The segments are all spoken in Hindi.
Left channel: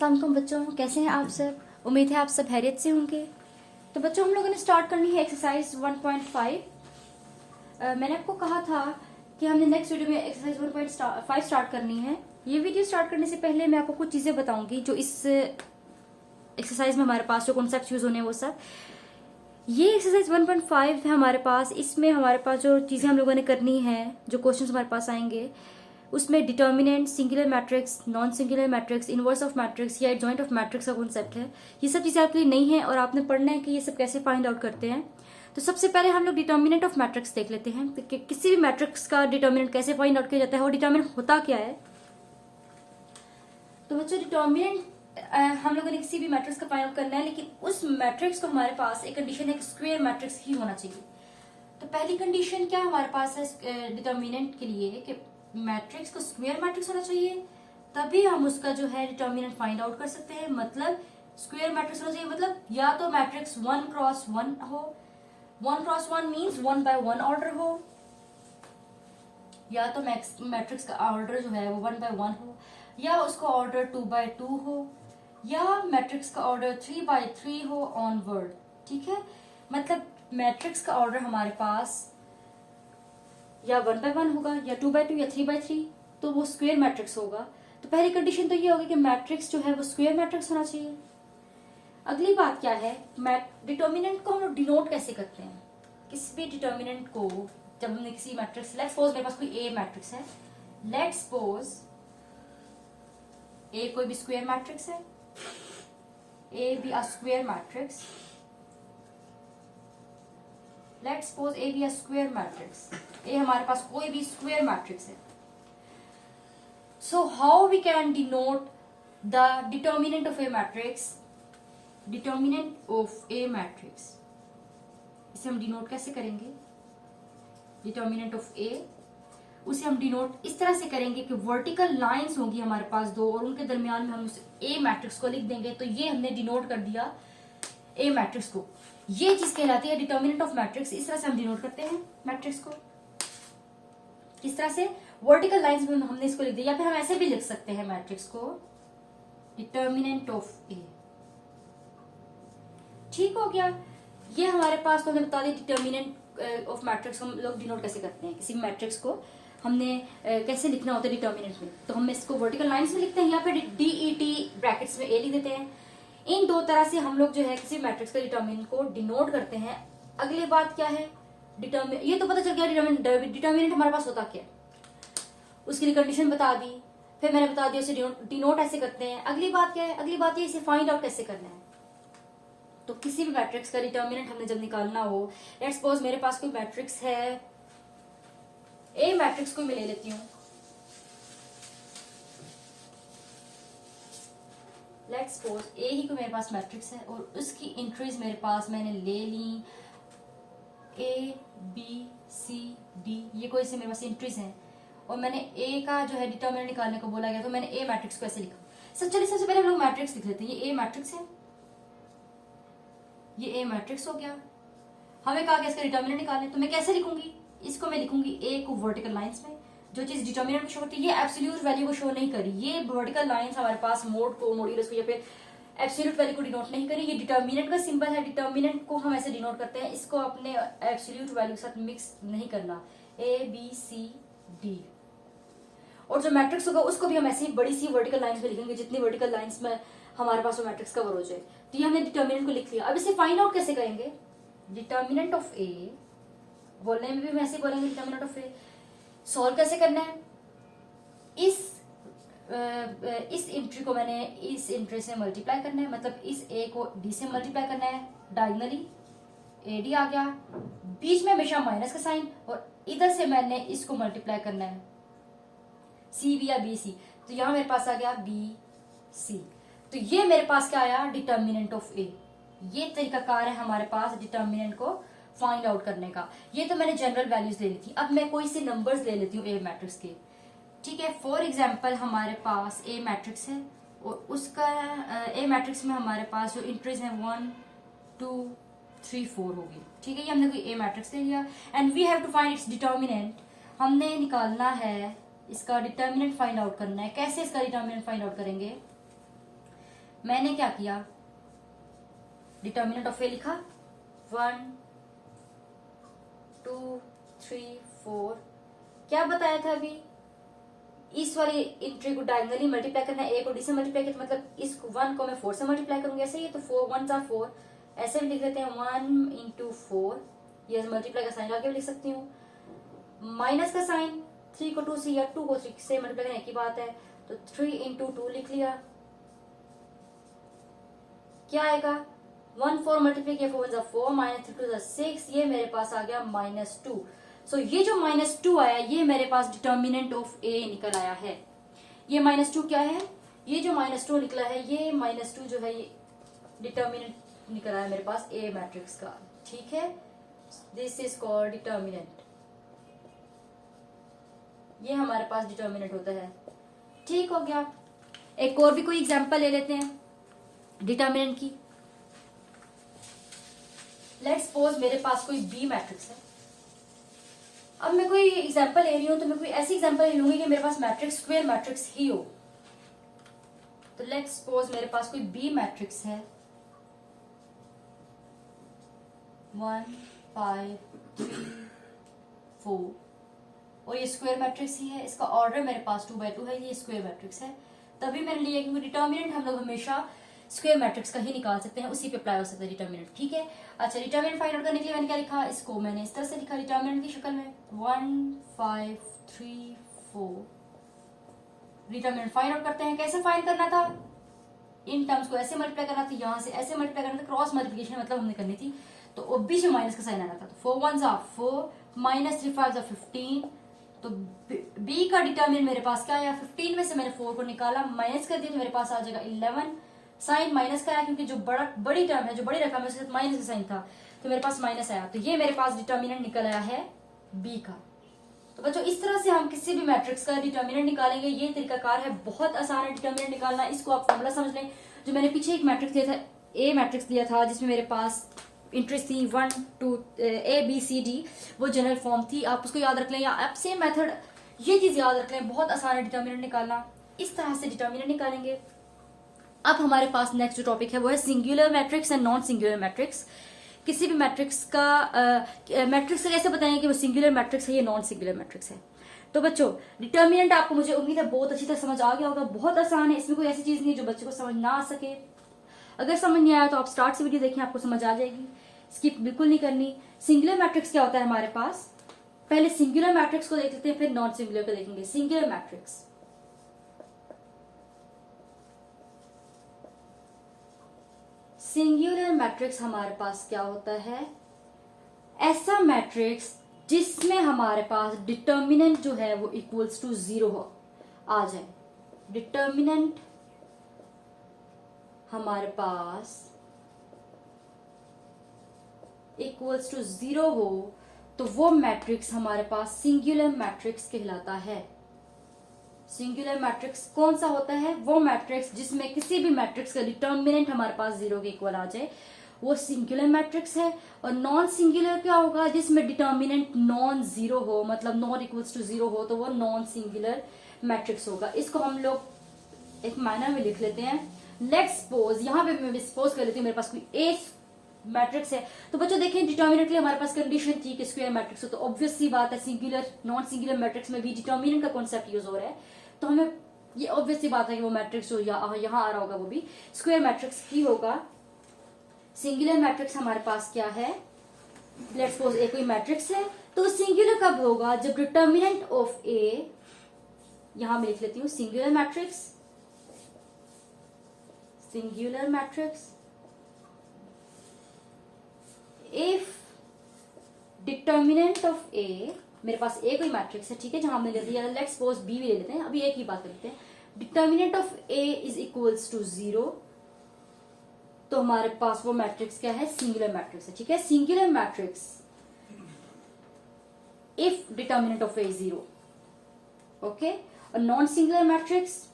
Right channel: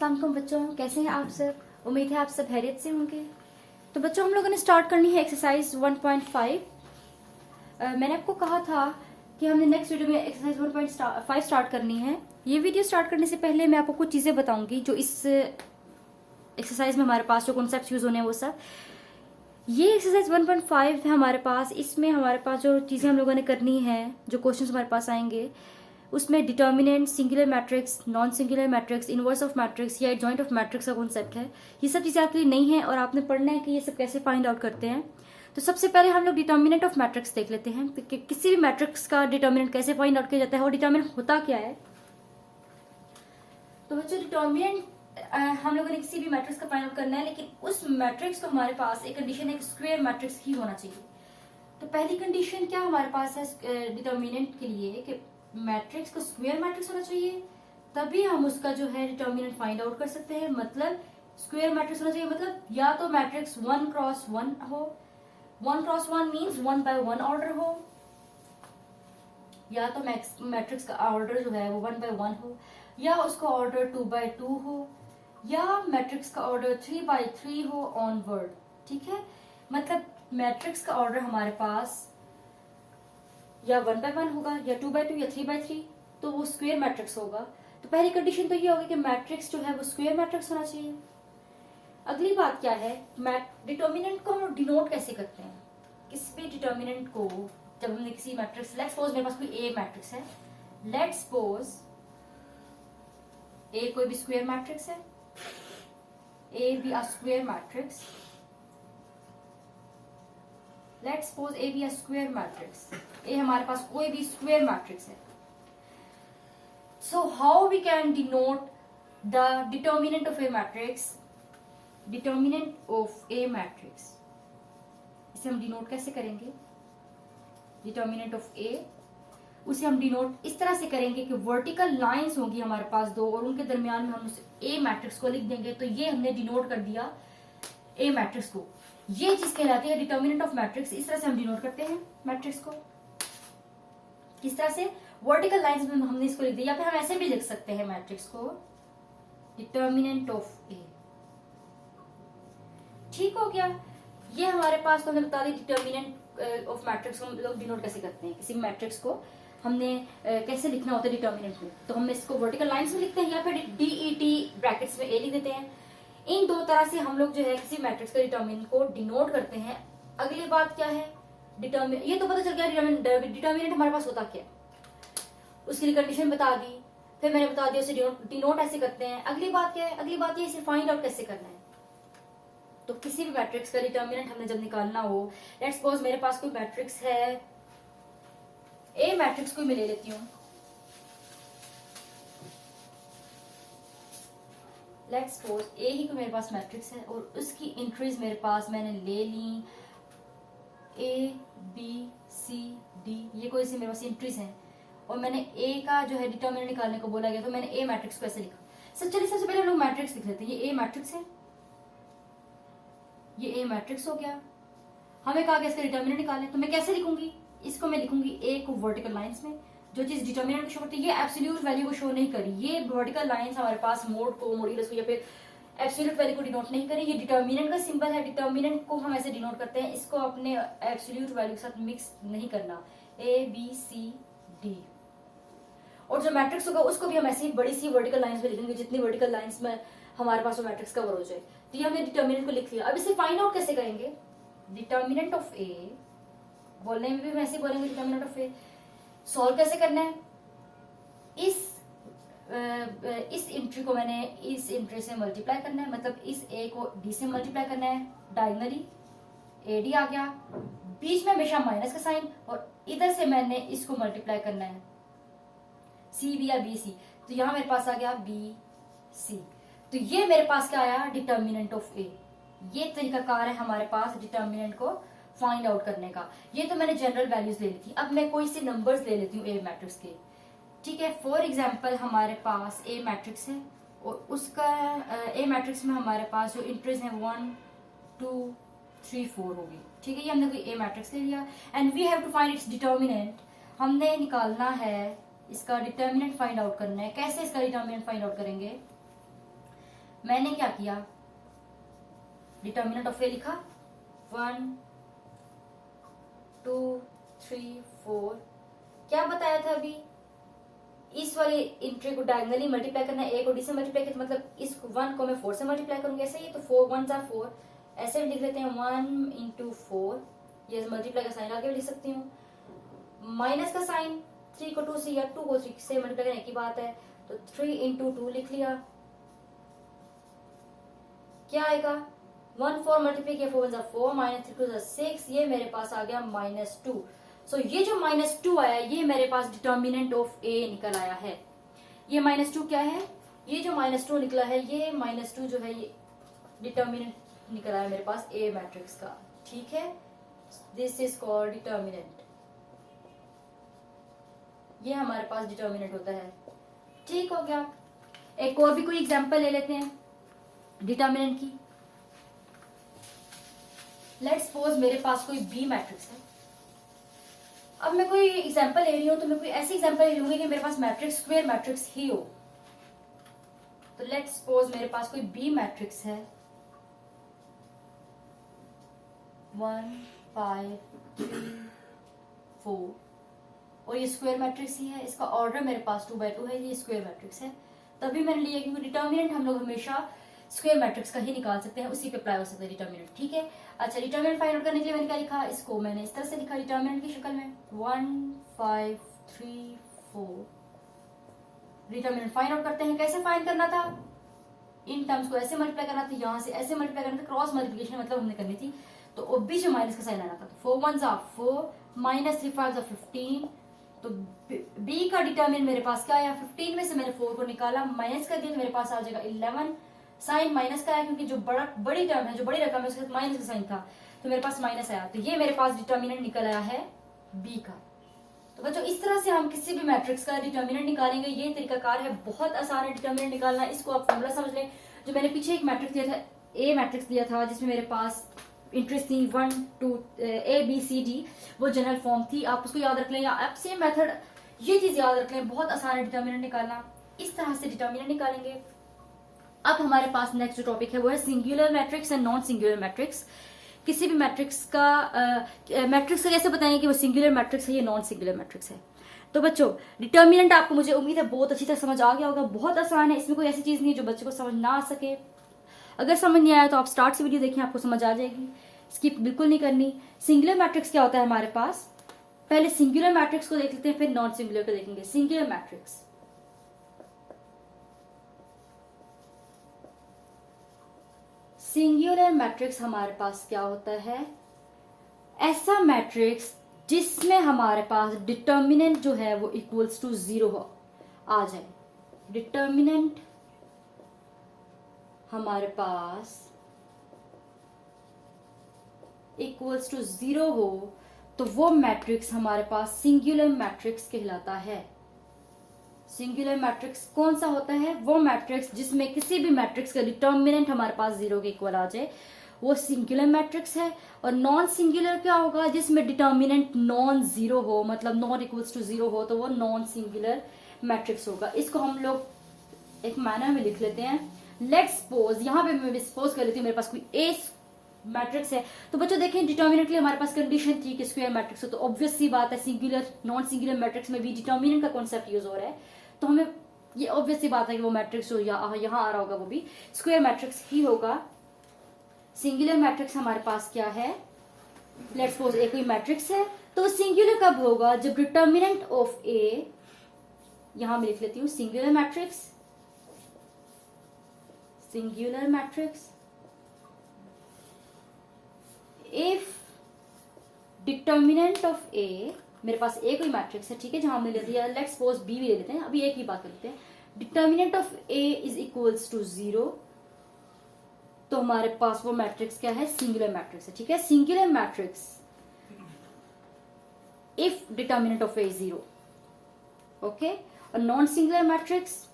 अस्सलाम वालेकुम बच्चों, कैसे हैं आप सब। उम्मीद है आप सब खैरियत से होंगे। तो बच्चों, हम लोगों ने स्टार्ट करनी है एक्सरसाइज 1.5। मैंने आपको कहा था कि हमने नेक्स्ट वीडियो में एक्सरसाइज 1.5 स्टार्ट करनी है। ये वीडियो स्टार्ट करने से पहले मैं आपको कुछ चीजें बताऊंगी जो इस एक्सरसाइज में हमारे पास जो कॉन्सेप्ट यूज होने हैं वो सब। ये एक्सरसाइज 1.5 है हमारे पास। इसमें हमारे पास जो चीजें हम लोगों ने करनी है, जो क्वेश्चन हमारे पास आएंगे, उसमें determinant, singular matrix, non singular matrix, inverse of matrix या एडजॉइंट ऑफ मैट्रिक्स का कॉन्सेप्ट है। ये सब चीजें आपके लिए नहीं है और आपने पढ़ना है कि ये सब कैसे फाइंड आउट करते हैं। तो सबसे पहले हम लोग डिटर्मिनेंट ऑफ मैट्रिक्स देख लेते हैं कि किसी भी मैट्रिक्स का डिटर्मिनेंट कैसे फाइंड आउट किया जाता है और डिटर्मिनेंट होता क्या है। तो बच्चों, डिटर्मिनेंट हम लोगों ने किसी भी मैट्रिक्स का फाइंड आउट करना है, लेकिन उस मैट्रिक्स को हमारे पास एक कंडीशन है, एक स्क्वायर मैट्रिक्स ही होना चाहिए। तो पहली कंडीशन क्या हमारे पास है डिटर्मिनेंट के लिए कि मैट्रिक्स को स्क्वायर मैट्रिक्स होना चाहिए, तभी हम उसका जो है डिटर्मिनेंट फाइंड आउट कर सकते हैं। मतलब स्क्वायर मैट्रिक्स होना चाहिए, मतलब या तो मैट्रिक्स 1x1 हो, 1x1 मीन्स 1x1 ऑर्डर हो, या तो मैट्रिक्स का ऑर्डर जो है वो 1x1 हो, या उसका ऑर्डर 2x2 हो, या मैट्रिक्स का ऑर्डर 3x3 हो ऑनवर्ड। ठीक है, मतलब मैट्रिक्स का ऑर्डर हमारे पास या 1x1 होगा, या 2x2, या 3x3, तो वो स्क्वायर मैट्रिक्स होगा। तो पहली कंडीशन तो ये होगी कि मैट्रिक्स जो है वो स्क्वायर मैट्रिक्स होना चाहिए। अगली बात क्या है, डिटर्मिनेंट को हम लोग डिनोट कैसे करते हैं। किसी भी डिटर्मिनेंट को जब हमने किसी मैट्रिक्स, लेट्स सपोज मेरे पास कोई ए मैट्रिक्स है, लेट्स सपोज ए कोई भी स्क्वायर मैट्रिक्स है, A be a square matrix, let's suppose A be a square matrix, A हमारे पास कोई भी स्क्वायर मैट्रिक्स है। So how we can denote the determinant of a matrix, determinant of a matrix, इसे हम डिनोट कैसे करेंगे। डिटर्मिनेंट ऑफ ए, उसे हम डिनोट इस तरह से करेंगे कि वर्टिकल लाइंस होंगी हमारे पास दो, और उनके दरमियान में हम उस ए मैट्रिक्स को लिख देंगे। तो ये हमने डिनोट कर दिया ए मैट्रिक्स को। ये चीज कहलाती है डिटर्मिनेंट ऑफ मैट्रिक्स। इस तरह से हम डिनोट करते हैं मैट्रिक्स को। किस तरह से, वर्टिकल लाइंस में हमने इसको लिख दिया, या फिर हम ऐसे भी लिख सकते हैं मैट्रिक्स को, डिटर्मिनेंट ऑफ ए। ठीक हो गया, ये हमारे पास तो हमने बता दी डिटर्मिनेंट ऑफ मैट्रिक्स को हम लोग डिनोट कैसे करते हैं। किसी मैट्रिक्स को हमने कैसे लिखना होता है डिटर्मिनेंट में, तो हम इसको वर्टिकल लाइंस में लिखते हैं या फिर डीईटी ब्रैकेट्स में ए लिख देते हैं। इन दो तरह से हम लोग जो है किसी मैट्रिक्स के डिटर्मिनेंट को डिनोट करते हैं। अगली बात क्या है, डिटर्मिनेंट, ये तो पता चल गया डिटर्मिनेंट हमारे पास होता क्या, उसके लिए कंडीशन बता दी, फिर मैंने बता दिया उसे डिनोट ऐसे करते हैं। अगली बात क्या है, अगली बात ये इसे फाइंड आउट कैसे करना है। तो किसी भी मैट्रिक्स का डिटर्मिनेंट हमने जब निकालना हो, लेट्स सपोज मेरे पास कोई मैट्रिक्स है, ए मैट्रिक्स को मैं ले लेती हूँ, लेट्स सपोज ए ही कोई मेरे पास मैट्रिक्स है और उसकी एंट्रीज मेरे पास मैंने ले ली, ए बी सी डी, ये कोई से मेरे पास एंट्रीज हैं, और मैंने ए का जो है डिटर्मिनेंट निकालने को बोला गया, तो मैंने ए मैट्रिक्स को ऐसे लिखा। चलिए सबसे पहले हम लोग मैट्रिक्स लिख लेते हैं। ये ए मैट्रिक्स है, ये ए मैट्रिक्स हो गया। हमें कहा गया इसका डिटर्मिनेंट निकालें, तो मैं कैसे लिखूंगी, इसको मैं लिखूंगी ए को वर्टिकल लाइंस में। जो चीज डिटर्मिनेंट को शो करती है, ये एब्सोल्यूट वैल्यू को शो नहीं करी, ये वर्टिकल लाइंस हमारे पास मोड को, मॉड्यूलस को या फिर एब्सोल्यूट वैल्यू को डिनोट नहीं करी। ये डिटर्मिनेंट का सिंबल है, डिटर्मिनेंट को हम ऐसे डिनोट करते हैं, इसको अपने एब्सोल्यूट वैल्यू के साथ मिक्स नहीं करना, ए बी सी डी। और जो मैट्रिक्स होगा उसको भी हम ऐसी बड़ी सी वर्टिकल लाइंस में लिखेंगे, जितनी वर्टिकल लाइंस में हमारे पास वो मैट्रिक्स कवर हो जाए। तो ये हमने डिटर्मिनेंट को लिख लिया। अब इसे फाइंड आउट कैसे करेंगे, डिटर्मिनेंट ऑफ ए, बोलने में भी हम ऐसे बोलेंगे डिटर्मिनेंट ऑफ ए। सॉल्व कैसे करना है, इस इंट्री को मैंने इस इंट्री से मल्टीप्लाई करना है, मतलब इस ए को डी से मल्टीप्लाई करना है डायगनली, ए डी आ गया, बीच में हमेशा माइनस का साइन, और इधर से मैंने इसको मल्टीप्लाई करना है सी बी या बी सी, तो यहां मेरे पास आ गया बी सी। तो ये मेरे पास क्या आया, डिटर्मिनेंट ऑफ ए। ये तरीकाकार है हमारे पास डिटर्मिनेंट को फाइंड आउट करने का। ये तो मैंने जनरल वैल्यूज ले ली थी। अब मैं कोई से नंबर्स ले लेती हूँ ए मैट्रिक्स के। ठीक है, फॉर एग्जांपल हमारे पास ए मैट्रिक्स है और उसका ए मैट्रिक्स में हमारे पास जो इंट्रीज है 1 2 3 4 होगी। ठीक है, ये हमने कोई ए मैट्रिक्स ले लिया and we have to find its determinant. हमने निकालना है इसका डिटर्मिनेंट, फाइंड आउट करना है। कैसे इसका डिटर्मिनेंट फाइंड आउट करेंगे, मैंने क्या किया, डिटर्मिनेंट ऑफ ए लिखा 1 2 3 4। क्या बताया था अभी, इस वाली इंट्री को डायगनली मल्टीप्लाई करना है, ए को डी से मल्टीप्लाई किया, मतलब इस 1 को मैं 4 से मल्टीप्लाई करूंगी, ऐसे ही तो 4 1 जा 4, ऐसे भी लिख लेते हैं 1 इंटू 4, ये मल्टीप्लाई का साइन आगे भी लिख सकती हूँ, माइनस का साइन 3 को 2 से या 2 को 3 से मल्टीप्लाई करने की बात है, तो 3 इंटू 2 लिख लिया, क्या आएगा 1 4 मल्टीप्लाई किया 4 जा 4 माइनस 3 2 जा 6, ये मेरे पास आ गया -2। सो ये जो -2 आया ये मेरे पास डिटर्मिनेंट ऑफ ए निकल आया है। ये -2 क्या है, ये जो -2 निकला है ये -2 जो है ये डिटर्मिनेंट निकल आया मेरे पास ए मैट्रिक्स का, ठीक है, दिस इज कॉल्ड डिटर्मिनेंट, ये हमारे पास डिटर्मिनेंट होता है, ठीक हो गया। एक और भी कोई एग्जांपल ले लेते हैं डिटर्मिनेंट की। लेट्स सपोज मेरे पास कोई बी मैट्रिक्स है, अब मैं कोई एग्जांपल ले रही हूं तो मैं कोई ऐसी एग्जांपल ले लूंगी कि मेरे पास मैट्रिक्स स्क्वायर मैट्रिक्स ही हो। तो लेट्स सपोज मेरे पास कोई बी मैट्रिक्स है 1 5 3 4 और ये स्क्वायर मैट्रिक्स ही है, इसका ऑर्डर मेरे पास 2 by 2 है, ये स्क्वायर मैट्रिक्स है, तभी मैंने लिया क्योंकि डिटर्मिनेंट हम लोग हमेशा स्क्वायर मैट्रिक्स का ही निकाल सकते हैं, उसी पे अप्लाई हो सकता है डिटर्मिनेंट, ठीक है। अच्छा, डिटर्मिनेंट फाइंड आउट करने के लिए मैंने क्या लिखा, इसको मैंने इस तरह से लिखा डिटर्मिनेंट की शक्ल में 1 5 3 4। डिटर्मिनेंट फाइंड आउट करते हैं, कैसे फाइंड करना था, इन टर्म्स को ऐसे मल्टीप्लाई करना था, यहाँ से ऐसे मल्टीप्लाई करना था, क्रॉस मल्टीप्लिकेशन मतलब हमने करनी थी, तो ओबी जो माइनस का साइन आना था, 4 1 जा 4 माइनस 3 5 जा 15, तो बी का डिटर्मिनेंट मेरे पास क्या आया, 15 में से मैंने 4 को निकाला, माइनस कर दिया तो मेरे पास आ जाएगा 11, साइन माइनस का आया क्योंकि जो बड़ी टर्म है, जो बड़ी रकम है उसके साथ माइनस का साइन था, तो मेरे पास माइनस आया, तो ये मेरे पास डिटर्मिनेंट निकल आया है बी का। तो बच्चों इस तरह से हम किसी भी मैट्रिक्स का डिटर्मिनेंट निकालेंगे, ये तरीकाकार है, बहुत आसान है डिटर्मिनेंट निकालना। इसको आप फॉर्मूला समझ लें, जो मैंने पीछे एक मैट्रिक्स दिया था, ए मैट्रिक्स दिया था जिसमें मेरे पास इंट्रीज थी 1 2 ए बी सी डी, वो जनरल फॉर्म थी, आप उसको याद रख लें, या आप सेम मेथड ये चीज याद रख लें, बहुत आसान है डिटर्मिनेंट निकालना। इस तरह से डिटर्मिनेंट निकालेंगे। अब हमारे पास नेक्स्ट जो टॉपिक है वो है singular matrix and non singular matrix. किसी भी मैट्रिक्स का मैट्रिक्स को कैसे बताएंगे कि वो सिंगुलर मैट्रिक्स है या नॉन सिंगुलर मैट्रिक्स है। तो बच्चों डिटर्मिनेंट आपको मुझे उम्मीद है बहुत अच्छी तरह समझ आ गया होगा, बहुत आसान है, इसमें कोई ऐसी चीज नहीं जो बच्चे को समझ ना आ सके। अगर समझ नहीं आया तो आप स्टार्ट से वीडियो देखें, आपको समझ आ जाएगी, स्किप बिल्कुल नहीं करनी। सिंगुलर मैट्रिक्स क्या होता है हमारे पास, पहले सिंगुलर मैट्रिक्स को देख लेते हैं, फिर नॉन सिंगुलर को देखेंगे। सिंगुलर मैट्रिक्स, सिंगुलर मैट्रिक्स हमारे पास क्या होता है, ऐसा मैट्रिक्स जिसमें हमारे पास डिटर्मिनेंट जो है वो इक्वल्स टू 0 आ जाए। डिटर्मिनेंट हमारे पास इक्वल्स टू 0 हो तो वो मैट्रिक्स हमारे पास सिंगुलर मैट्रिक्स कहलाता है। सिंगुलर मैट्रिक्स कौन सा होता है, वो मैट्रिक्स जिसमें किसी भी मैट्रिक्स का डिटर्मिनेंट हमारे पास 0 के इक्वल आ जाए, वो सिंगुलर मैट्रिक्स है। और नॉन सिंगुलर क्या होगा, जिसमें डिटर्मिनेंट नॉन 0 हो, मतलब नॉट इक्वल्स टू 0 हो, तो वो नॉन सिंगुलर मैट्रिक्स होगा। इसको हम लोग एक मैनर में लिख लेते हैं। लेट्स सपोज, यहां पे मैं सपोज कर लेती हूँ मेरे पास कोई ए मैट्रिक्स है, तो बच्चों देखें डिटर्मिनेंट के लिए हमारे पास कंडीशन थी कि स्क्वायर मैट्रिक्स हो, तो ऑब्वियस सी बात है सिंगुलर नॉन सिंगुलर मैट्रिक्स में भी डिटर्मिनेंट का कॉन्सेप्ट यूज हो रहा है, तो हमें ये ऑब्वियस सी बात है कि वो मैट्रिक्स जो यहाँ आ रहा होगा वो भी स्क्वायर मैट्रिक्स ही होगा। सिंगुलर मैट्रिक्स हमारे पास क्या है, लेट्स सपोज ए कोई मैट्रिक्स है, तो सिंगुलर कब होगा, जब डिटर्मिनेंट ऑफ ए, यहां मैं लिख लेती हूँ singular matrix, singular matrix if determinant of A, मेरे पास ए कोई मैट्रिक्स है, ठीक है, जहां हमने ले लिया, लेट्स सपोज बी भी ले लेते हैं, अभी ए की बात करते हैं। Determinant of A is equals to 0, तो हमारे पास वो मैट्रिक्स क्या है, सिंगुलर मैट्रिक्स है, ठीक है। Singular matrix if determinant of A 0, okay. और non singular matrix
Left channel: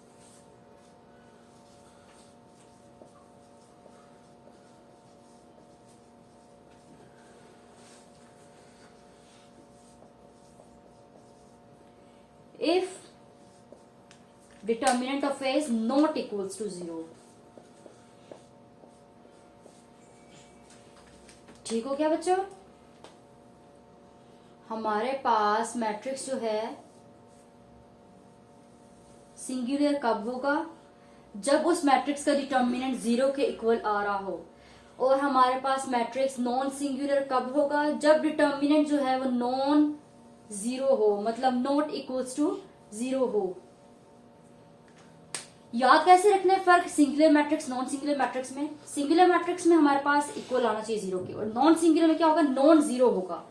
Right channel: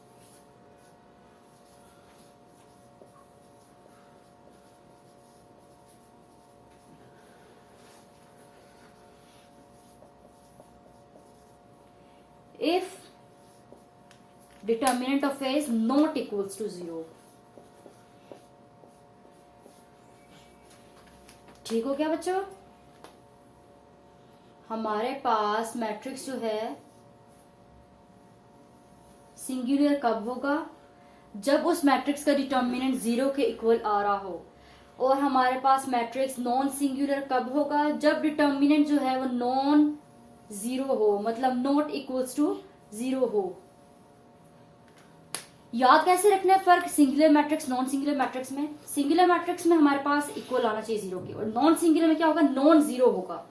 if determinant of A is not equals to 0, ठीक हो गया बच्चों? हमारे पास मैट्रिक्स जो है सिंगुलर कब होगा? जब उस मैट्रिक्स का डिटर्मिनेंट 0 के इक्वल आ रहा हो। और हमारे पास मैट्रिक्स नॉन सिंगुलर कब होगा? जब डिटर्मिनेंट जो है वो नॉन जीरो हो, मतलब नॉट इक्वल्स टू 0 हो। याद कैसे रखना है फर्क singular matrix non singular matrix में? सिंगुलर मैट्रिक्स में हमारे पास इक्वल आना चाहिए 0 के, और नॉन सिंगुलर में क्या होगा? नॉन जीरो होगा।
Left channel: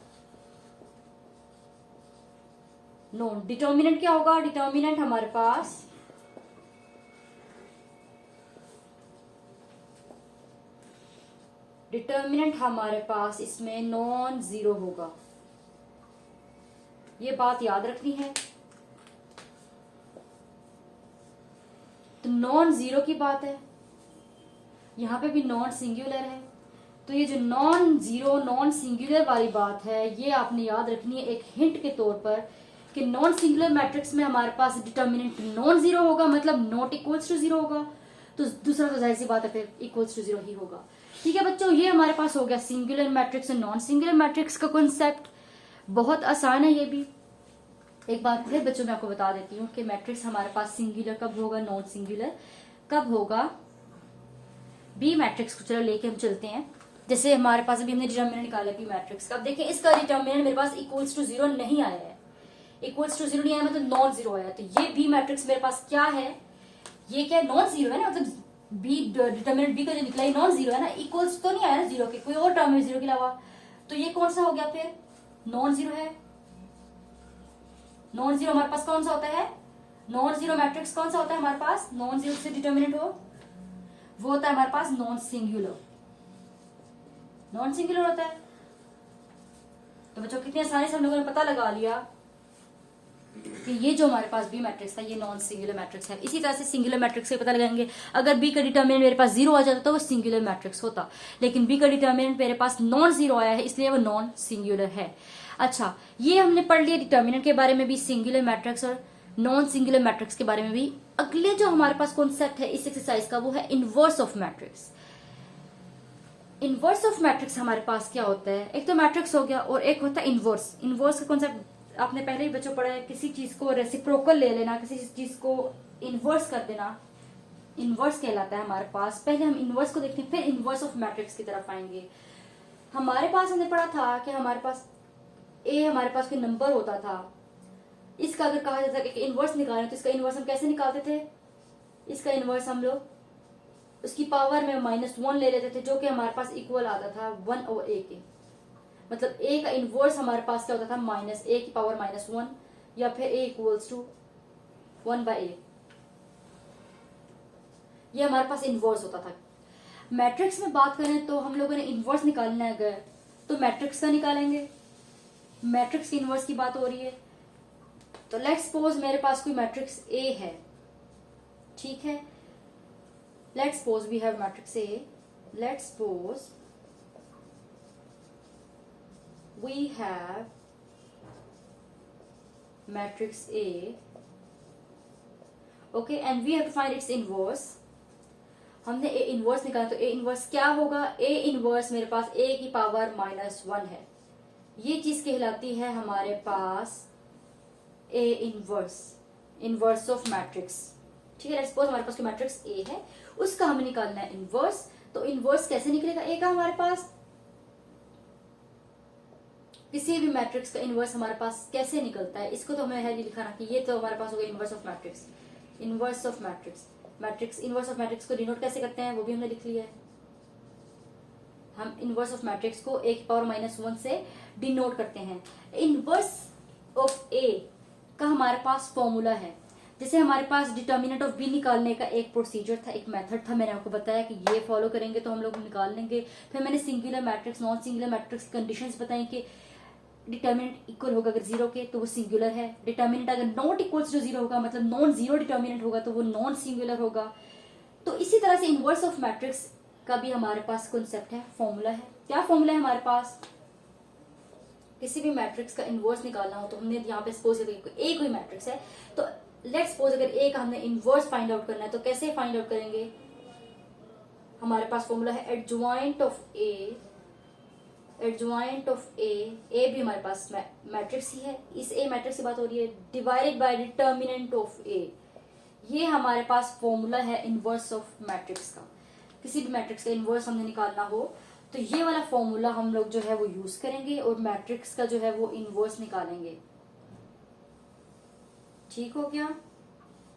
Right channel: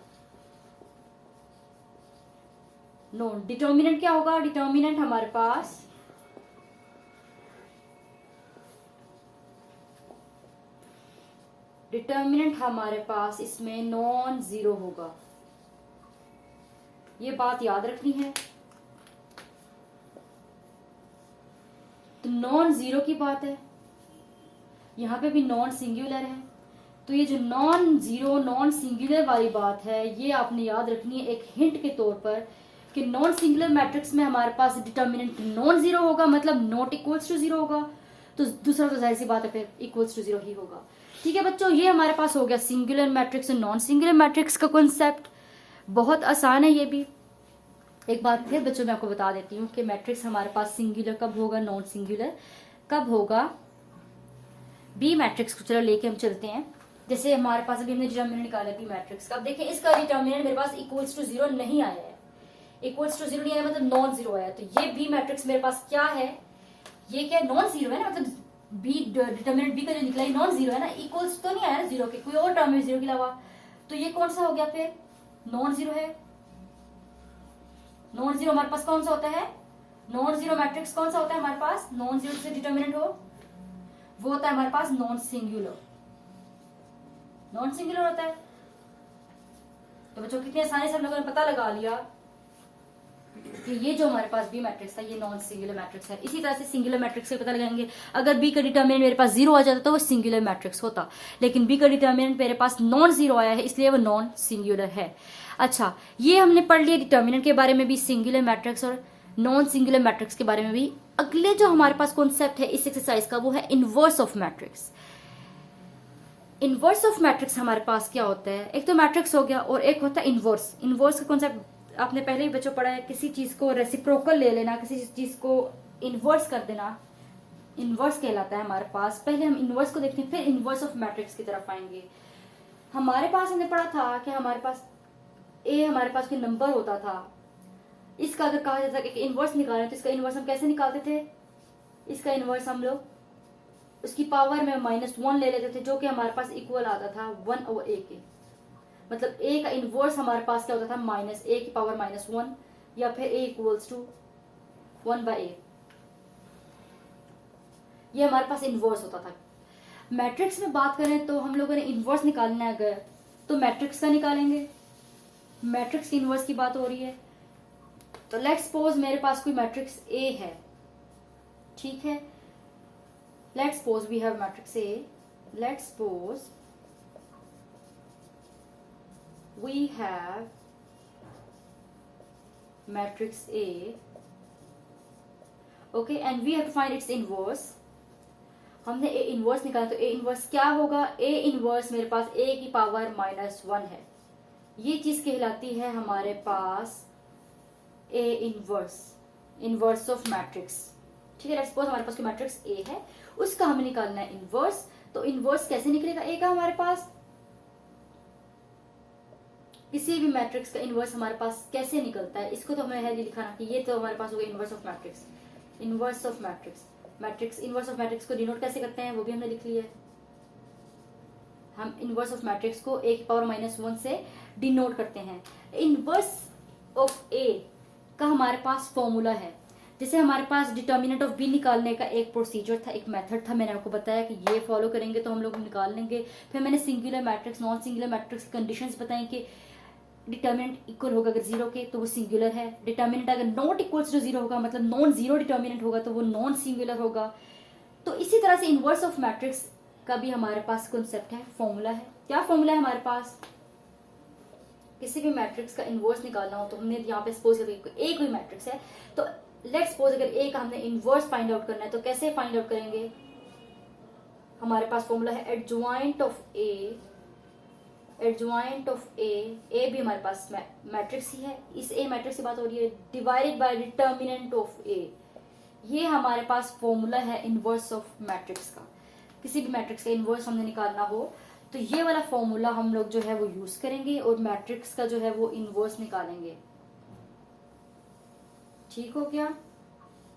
नॉन डिटर्मिनेंट क्या होगा? डिटर्मिनेंट हमारे पास इसमें नॉन जीरो होगा। ये बात याद रखनी है। तो नॉन जीरो की बात है, यहां पे भी नॉन सिंगुलर है। तो ये जो नॉन जीरो नॉन सिंगुलर वाली बात है, ये आपने याद रखनी है एक हिंट के तौर पर कि नॉन सिंगुलर मैट्रिक्स में हमारे पास डिटर्मिनेंट नॉन जीरो होगा, मतलब नॉट इक्वल्स टू 0 होगा। तो दूसरा तो जाहिर सी बात है फिर इक्वल्स टू 0 ही होगा। ठीक है बच्चों, ये हमारे पास हो गया सिंगुलर मैट्रिक्स और नॉन सिंगुलर मैट्रिक्स का कॉन्सेप्ट। बहुत आसान है ये भी। एक बार फिर बच्चों मैं आपको बता देती हूँ कि मैट्रिक्स हमारे पास सिंगुलर कब होगा, नॉन सिंगुलर कब होगा। बी मैट्रिक्स को चलो लेके हम चलते हैं। जैसे हमारे पास अभी हमने डिटर्मिनेंट निकाला बी मैट्रिक्स का। अब देखिए इसका डिटर्मिनेंट मेरे पास इक्वल्स टू 0 नहीं आया है। इक्वल्स टू 0 नहीं आया मतलब नॉन जीरो आया। तो ये बी मैट्रिक्स मेरे पास क्या है? ये क्या नॉन जीरो है ना, मतलब बी डिटर्मिनेंट बी का जो निकला है नॉन जीरो है ना, इक्वल्स तो नहीं आया ना 0 के, कोई और टर्म है 0 के अलावा। तो ये कौन सा हो गया फिर? नॉन जीरो है। नॉन जीरो हमारे पास कौन सा होता है? नॉन जीरो मैट्रिक्स कौन सा होता है हमारे पास? नॉन जीरो से डिटर्मिनेंट हो वो होता है हमारे पास नॉन सिंगुलर। नॉन सिंगुलर होता है। तो बच्चों कितनी आसानी से हम लोगों ने पता लगा लिया कि ये जो हमारे पास बी मैट्रिक्स है ये नॉन सिंगुलर मैट्रिक्स है। इसी तरह से सिंगुलर मैट्रिक्स से पता लगाएंगे। अगर बी का डिटर्मिनेंट मेरे पास 0 आ जाता तो वो सिंगुलर मैट्रिक्स होता, लेकिन बी का डिटर्मिनेंट मेरे पास नॉन जीरो आया है इसलिए वो नॉन सिंगुलर है। अच्छा, ये हमने पढ़ लिया डिटर्मिनेंट के बारे में भी, सिंगुलर मैट्रिक्स और नॉन सिंगुलर मैट्रिक्स के बारे में भी। अगले जो हमारे पास कॉन्सेप्ट है इस एक्सरसाइज का वो है inverse of matrix. Inverse of matrix हमारे पास क्या होता है? एक तो मैट्रिक्स हो गया और एक होता है इनवर्स। इनवर्स का कॉन्सेप्ट आपने पहले ही बच्चों पढ़ा है। किसी चीज को रेसिप्रोकल ले लेना, किसी चीज को इनवर्स कर देना, इनवर्स कहलाता है हमारे पास। पहले हम इनवर्स को देखते हैं फिर इनवर्स ऑफ मैट्रिक्स की तरफ आएंगे। हमारे पास हमने पढ़ा था कि हमारे पास ए हमारे पास कोई नंबर होता था, इसका अगर कहा जाता है कि इनवर्स निकालना है तो इसका इनवर्स हम कैसे निकालते थे? इसका इनवर्स हम लोग उसकी पावर में -1 ले लेते थे, जो कि हमारे पास इक्वल आता था 1 और ए के। मतलब ए का इनवर्स हमारे पास क्या होता था? -a की पावर -1, या फिर a इक्वल्स टू 1/a। ये हमारे पास इनवर्स होता था। मैट्रिक्स में बात करें तो हम लोगों ने इनवर्स निकालना है अगर, तो मैट्रिक्स का निकालेंगे। मैट्रिक्स की इनवर्स की बात हो रही है तो लेट्स सपोज मेरे पास कोई मैट्रिक्स ए है। ठीक है, let's suppose we have matrix A. Let's suppose we have matrix A, okay, and we have to find its inverse. हमने ए इनवर्स निकाला तो ए इनवर्स क्या होगा? ए इनवर्स मेरे पास ए की पावर -1 है। ये चीज कहलाती है हमारे पास A inverse, inverse of matrix. ठीक है, लेट्स सपोज हमारे पास कोई मैट्रिक्स ए है, उसका हमें निकालना है इनवर्स। तो इनवर्स कैसे निकलेगा ए का? हमारे पास किसी भी मैट्रिक्स का इनवर्स हमारे पास कैसे निकलता है, इसको तो हमें है लिखाना कि ये तो हमारे पास होगा inverse of matrix. Inverse of matrix, matrix inverse of matrix को डिनोट कैसे करते हैं वो भी हमने लिख लिया है। हम इनवर्स ऑफ मैट्रिक्स को a की पावर -1 से डिनोट करते हैं। इनवर्स ऑफ a का हमारे पास फॉर्मूला है। जैसे हमारे पास डिटर्मिनेंट ऑफ b निकालने का एक प्रोसीजर था, एक मेथड था, मैंने आपको बताया कि ये फॉलो करेंगे तो हम लोग निकाल लेंगे। फिर मैंने singular matrix non singular matrix की कंडीशंस बताई कि डिटर्मिनेंट इक्वल होगा अगर 0 के तो वो सिंगुलर है। डिटर्मिनेंट अगर नॉट इक्वल्स टू 0 होगा, मतलब नॉन जीरो डिटर्मिनेंट होगा, तो वो नॉन सिंगुलर होगा। तो इसी तरह से इनवर्स ऑफ मैट्रिक्स का भी हमारे पास कॉन्सेप्ट है, फॉर्मूला है। क्या फॉर्मूला है हमारे पास? किसी भी मैट्रिक्स का इनवर्स निकालना हो तो हमने यहाँ पे सपोज ए कोई मैट्रिक्स है तो लेट्स सपोज अगर ए का हमने इनवर्स फाइंड आउट करना है तो कैसे फाइंड आउट करेंगे? हमारे पास फॉर्मूला है adjoint of A adjoint of A भी हमारे पास मैट्रिक्स ही है, इस ए मैट्रिक्स की बात हो रही है, डिवाइडेड बाय डिटर्मिनेंट ऑफ ए। ये हमारे पास फॉर्मूला है इनवर्स ऑफ मैट्रिक्स का। किसी भी मैट्रिक्स का इनवर्स हमने निकालना हो तो ये वाला फॉर्मूला हम लोग जो है वो यूज करेंगे और मैट्रिक्स का जो है वो इनवर्स निकालेंगे। ठीक हो गया।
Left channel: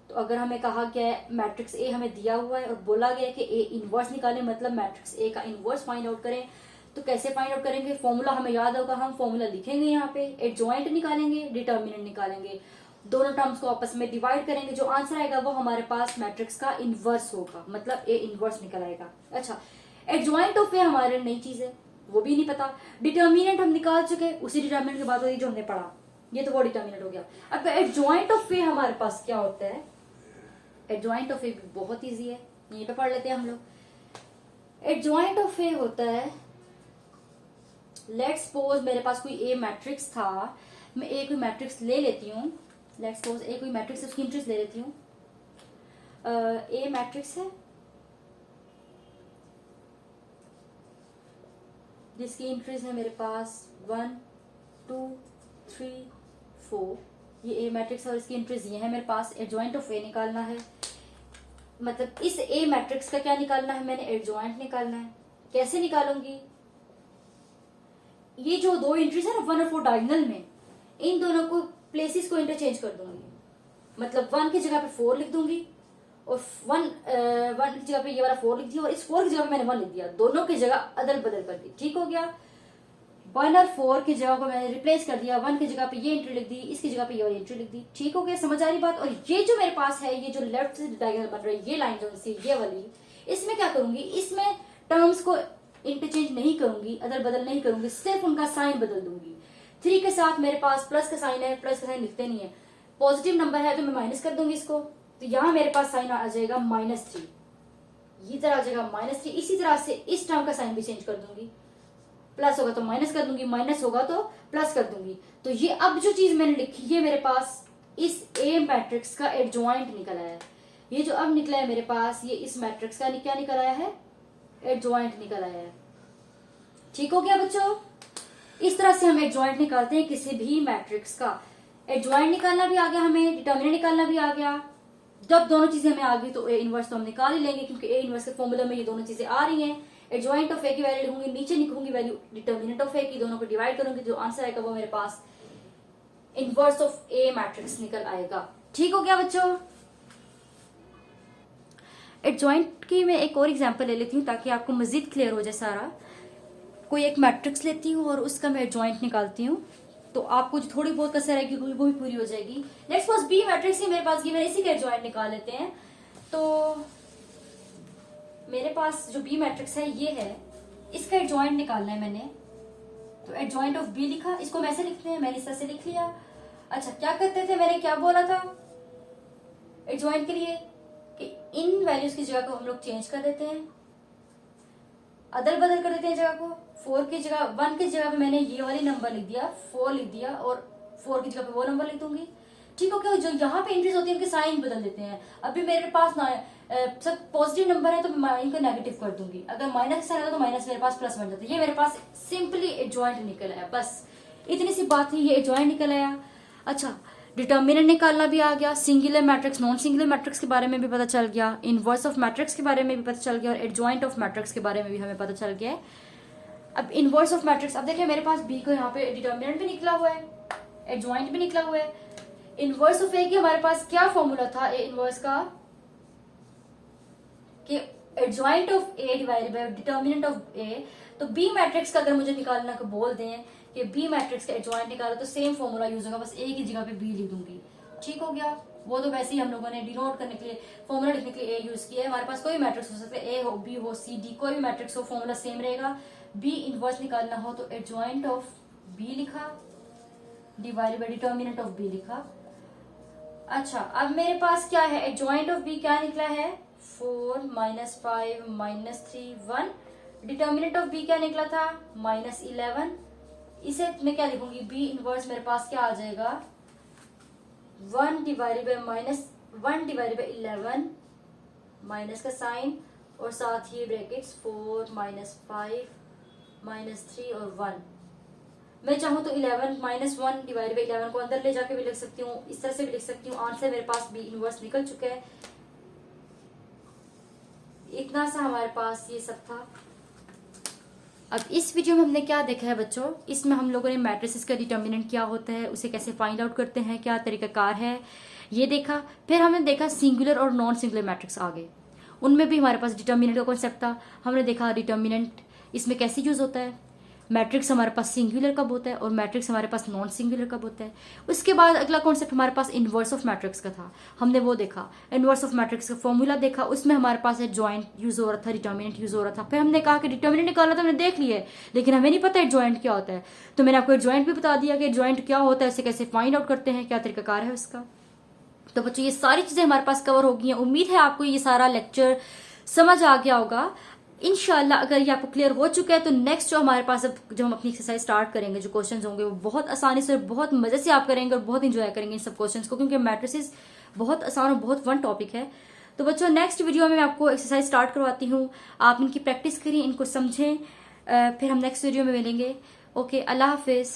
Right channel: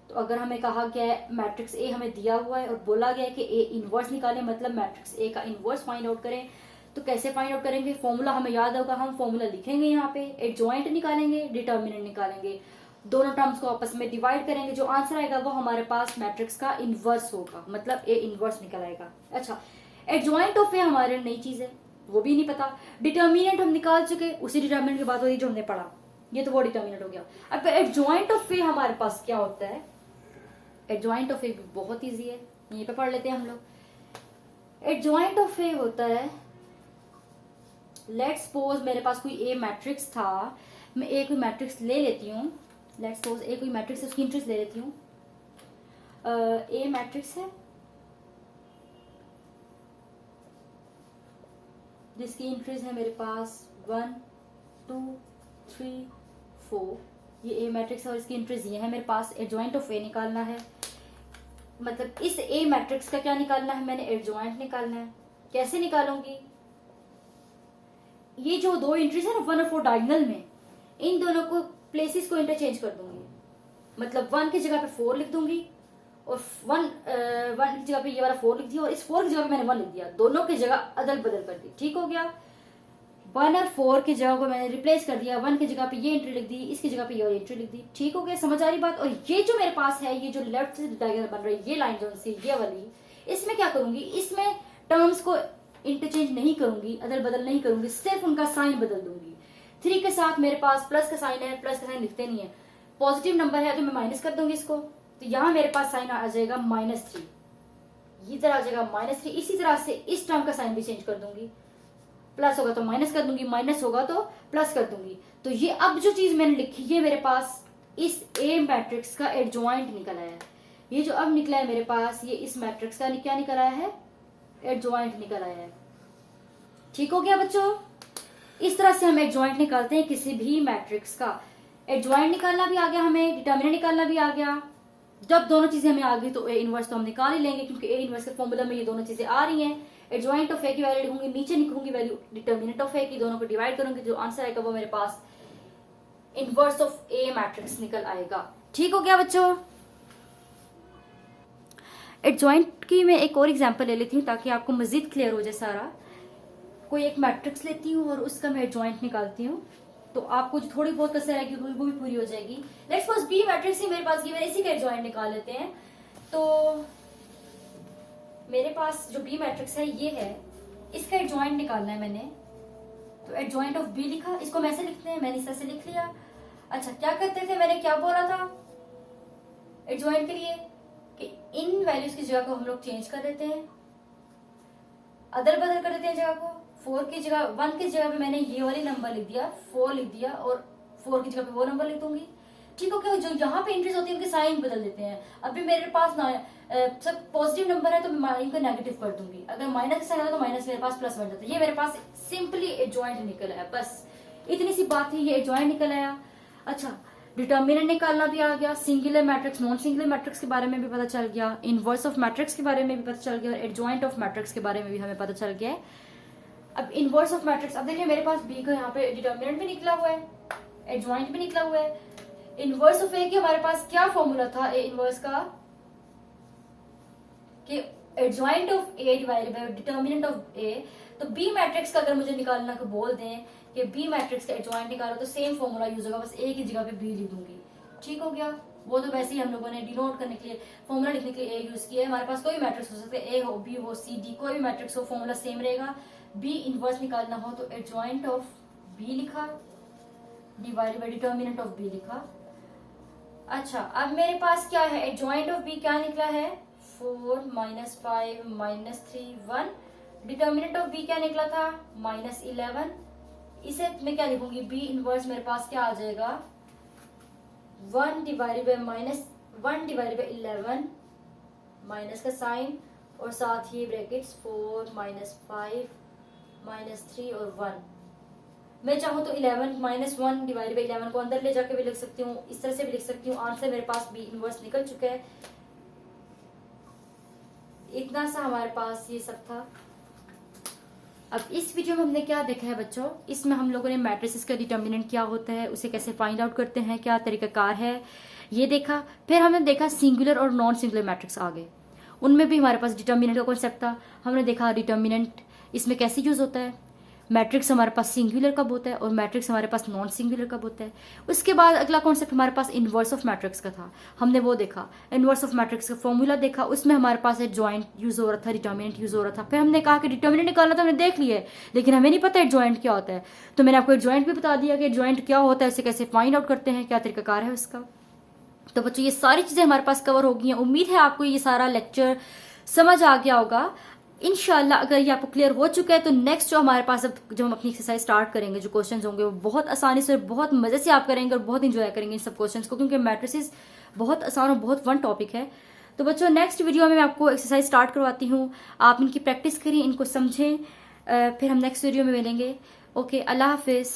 तो अगर हमें कहा गया है मैट्रिक्स ए हमें दिया हुआ है और बोला गया है कि ए इनवर्स निकालें, मतलब मैट्रिक्स ए का इनवर्स फाइंड आउट करें, तो कैसे फाइंड आउट करेंगे? फॉर्मूला हमें याद होगा, हम फॉर्मूला लिखेंगे यहाँ पे, एडजॉइंट निकालेंगे, डिटर्मिनेंट निकालेंगे, दोनों टर्म्स को आपस में डिवाइड करेंगे, जो आंसर आएगा वो हमारे पास मैट्रिक्स का इनवर्स होगा, मतलब ए इनवर्स निकल आएगा। अच्छा, एडजॉइंट ऑफ ए हमारे नई चीज है, वो भी नहीं पता। डिटर्मिनेंट हम निकाल चुके, उसी डिटर्मिनेंट की बात हो रही जो हमने पढ़ा, ये तो वो डिटर्मिनेंट हो गया। अब एडजॉइंट ऑफ ए हमारे पास क्या होता है? एडजॉइंट ऑफ ए बहुत इजी है, यहीं पे पढ़ लेते हैं हम लोग। एडजॉइंट ऑफ ए होता है, लेट्स सपोज मेरे पास कोई ए मैट्रिक्स था, मैं ए कोई मैट्रिक्स ले लेती हूँ, लेट्स सपोज ए कोई मैट्रिक्स उसकी इंट्रीज ले लेती हूँ। ए मैट्रिक्स है जिसकी इंट्रीज है मेरे पास 1 2 3 4, ये ए मैट्रिक्स है और इसकी इंट्रीज ये है मेरे पास। एडजॉइंट ऑफ ए निकालना है, मतलब इस ए मैट्रिक्स का क्या निकालना है? मैंने एडजॉइंट निकालना है। कैसे निकालूंगी? ये जो दो एंट्रीज है ना 1 और 4 डायगोनल में, इन दोनों को प्लेसेस को इंटरचेंज कर दूंगी, मतलब 1 की जगह पे 4 लिख दूंगी और 1 की जगह पे ये वाला 4 लिख दिया और इस 4 की जगह पे मैंने 1 लिख दिया, दोनों की जगह अदल बदल कर दी। ठीक हो गया। 1 और 4 की जगह को मैंने रिप्लेस कर दिया, 1 की जगह पे ये एंट्री लिख दी, इसकी जगह पे ये वाली एंट्री लिख दी। ठीक हो गया, समझ आ रही बात? और ये जो मेरे पास है, ये जो लेफ्ट डायगोनल बन रही है, ये लाइन जो सी ये वाली, इसमें क्या करूंगी? इसमें टर्म्स को इंटरचेंज नहीं करूंगी, अदल बदल नहीं करूंगी, सिर्फ उनका साइन बदल दूंगी। 3 के साथ मेरे पास प्लस का साइन है, प्लस का साइन लिखते नहीं है, पॉजिटिव नंबर है तो मैं माइनस कर दूंगी इसको, तो यहां मेरे पास साइन आ जाएगा -3, इधर आ जाएगा -3। इसी तरह से इस टर्म का साइन भी चेंज कर दूंगी, प्लस होगा तो माइनस कर दूंगी, माइनस होगा तो प्लस कर दूंगी। तो ये अब जो चीज मैंने लिखी है मेरे पास इस ए मैट्रिक्स का एडजॉइंट निकल आया है। ये जो अब निकला है मेरे पास, ये इस मैट्रिक्स का क्या निकल आया है? एडजॉइंट निकल आया है। ठीक हो गया बच्चों? इस तरह से हम एडजॉइंट निकालते हैं किसी भी मैट्रिक्स का। एडजॉइंट निकालना भी आ गया हमें, डिटर्मिनेंट निकालना भी आ गया। जब दोनों चीजें हमें आ गई तो ए इनवर्स तो हम निकाल ही लेंगे, क्योंकि ए इनवर्स के फॉर्मूला में ये दोनों चीजें आ रही हैं। एडजॉइंट ऑफ ए की वैल्यू लिखूंगी, नीचे लिखूंगी वैल्यू डिटर्मिनेंट ऑफ ए की, दोनों को डिवाइड करूंगी, जो आंसर आएगा वो मेरे पास इनवर्स ऑफ ए मैट्रिक्स निकल आएगा। ठीक हो गया बच्चों? एडजॉइंट की मैं एक और एग्जांपल ले लेती हूँ ताकि आपको मजीद क्लियर हो जाए सारा। कोई एक मैट्रिक्स लेती हूँ और उसका मैं एडजॉइंट निकालती हूँ, तो आपको जो थोड़ी बहुत कसर रहेगी वो भी पूरी हो जाएगी। लेट्स सपोज बी मैट्रिक्स ही मेरे पास गिवन, इसी का एडजॉइंट निकाल लेते हैं। तो मेरे पास जो बी मैट्रिक्स है ये है, इसका एडजॉइंट निकालना है मैंने, तो एडजॉइंट ऑफ बी लिखा, इसको वैसे लिखते हैं, मैंने इस तरह से लिख लिया। अच्छा, क्या करते थे, मैंने क्या बोला था एडजॉइंट के लिए कि इन वैल्यूज की जगह को हम लोग चेंज कर देते हैं, अदल बदल कर देते हैं जगह को। 4 की जगह 1 की जगह पे मैंने ये वाली नंबर लिख दिया, 4 लिख दिया, और 4 की जगह पे वो नंबर लिख दूंगी। ठीक हो गया? जो यहाँ पे एंट्रीज होती है उनके साइन बदल देते हैं। अभी मेरे पास सब पॉजिटिव नंबर है तो मैं इनको नेगेटिव कर दूंगी, अगर माइनस साइन है तो माइनस मेरे पास प्लस बन जाता है। ये मेरे पास सिंपली एडजॉइंट निकल आया, बस इतनी सी बात है, ये एडजॉइंट निकल आया। अच्छा, डिटर्मिनेंट निकालना भी आ गया, singular matrix non singular matrix के बारे में भी पता चल गया, इनवर्स ऑफ मैट्रिक्स के बारे में भी पता चल गया, और एडजॉइंट ऑफ मैट्रिक्स के बारे में भी हमें पता चल गया है। अब इनवर्स ऑफ मैट्रिक्स, अब देखिए मेरे पास बी को यहाँ पे डिटर्मिनेंट भी निकला हुआ है, एडजॉइंट भी निकला हुआ है। इनवर्स ऑफ ए की हमारे पास क्या फॉर्मूला था ए इनवर्स का, कि adjoint of A divided by determinant of A. तो बी मैट्रिक्स का अगर मुझे निकालना को बोल दें कि बी मैट्रिक्स का एडजॉइंट निकालो, तो सेम फॉर्मूला यूज होगा, बस ए की जगह पे बी लिख दूंगी। ठीक हो गया? वो तो वैसे ही हम लोगों ने डिनोट करने के लिए, फॉर्मूला लिखने के लिए ए यूज किया है। हमारे पास कोई मैट्रिक्स हो सकता है, ए हो, बी हो, सी, डी, कोई भी मैट्रिक्स हो, फॉर्मूला सेम रहेगा। बी इनवर्स निकालना हो तो एडजॉइंट ऑफ बी लिखा, divided by determinant of B लिखा। अच्छा, अब मेरे पास क्या है, एडजॉइंट ऑफ बी क्या निकला है, 4 -5 -3 1। डिटर्मिनेंट ऑफ बी क्या निकला था, -11। इसे मैं क्या लिखूंगी, बी इनवर्स मेरे पास क्या आ जाएगा, 1 डिवाइडेड बाय -11 माइनस का साइन, और साथ ही ब्रैकेट्स 4 -5 -3 और 1। मैं चाहूँ तो 11 -1 डिवाइड बाई 11 को अंदर ले जाके भी लिख सकती हूँ, इस तरह से भी लिख सकती हूँ। आंसर मेरे पास बी इनवर्स निकल चुका है। इतना सा हमारे पास ये सब था। अब इस वीडियो में हमने क्या देखा है बच्चों, इसमें हम लोगों ने मैट्रिसेस का डिटर्मिनेंट क्या होता है, उसे कैसे फाइंड आउट करते हैं, क्या तरीकाकार है, ये देखा। फिर हमने देखा सिंगुलर और नॉन सिंगुलर मैट्रिक्स आ गए, उनमें भी हमारे पास डिटर्मिनेंट का कॉन्सेप्ट था। हमने देखा डिटर्मिनेंट इसमें कैसे यूज होता है, मैट्रिक्स हमारे पास सिंगुलर कब होता है और मैट्रिक्स हमारे पास नॉन सिंगुलर कब होता है। उसके बाद अगला कॉन्सेप्ट हमारे पास इनवर्स ऑफ मैट्रिक्स का था, हमने वो देखा। इनवर्स ऑफ मैट्रिक्स का फॉर्मूला देखा, उसमें हमारे पास जॉइंट यूज हो रहा था, डिटर्मिनेंट यूज हो रहा था। फिर हमने कहा कि डिटर्मिनेंट निकालना तो हमने देख लिया है, लेकिन हमें नहीं पता है जॉइंट क्या होता है। तो मैंने आपको जॉइंट भी बता दिया कि जॉइंट क्या होता है, उसे कैसे फाइंड आउट करते हैं, क्या तरीकाकार है उसका। तो बच्चों ये सारी चीजें हमारे पास कवर हो गई हैं। उम्मीद है आपको ये सारा लेक्चर समझ आ गया होगा। इंशाल्लाह अगर ये आपको क्लियर हो चुका है तो नेक्स्ट जो हमारे पास जो हम अपनी एक्सरसाइज स्टार्ट करेंगे, जो क्वेश्चंस होंगे वो बहुत आसानी से, बहुत मजे से आप करेंगे और बहुत इंजॉय करेंगे इन सब क्वेश्चंस को, क्योंकि मैट्रिसेस बहुत आसान और बहुत फन टॉपिक है। तो बच्चों नेक्स्ट वीडियो में मैं आपको एक्सरसाइज स्टार्ट करवाती हूँ, आप इनकी प्रैक्टिस करिए, इनको समझें। फिर हम नेक्स्ट वीडियो में मिलेंगे। ओके, अल्लाह हाफिज।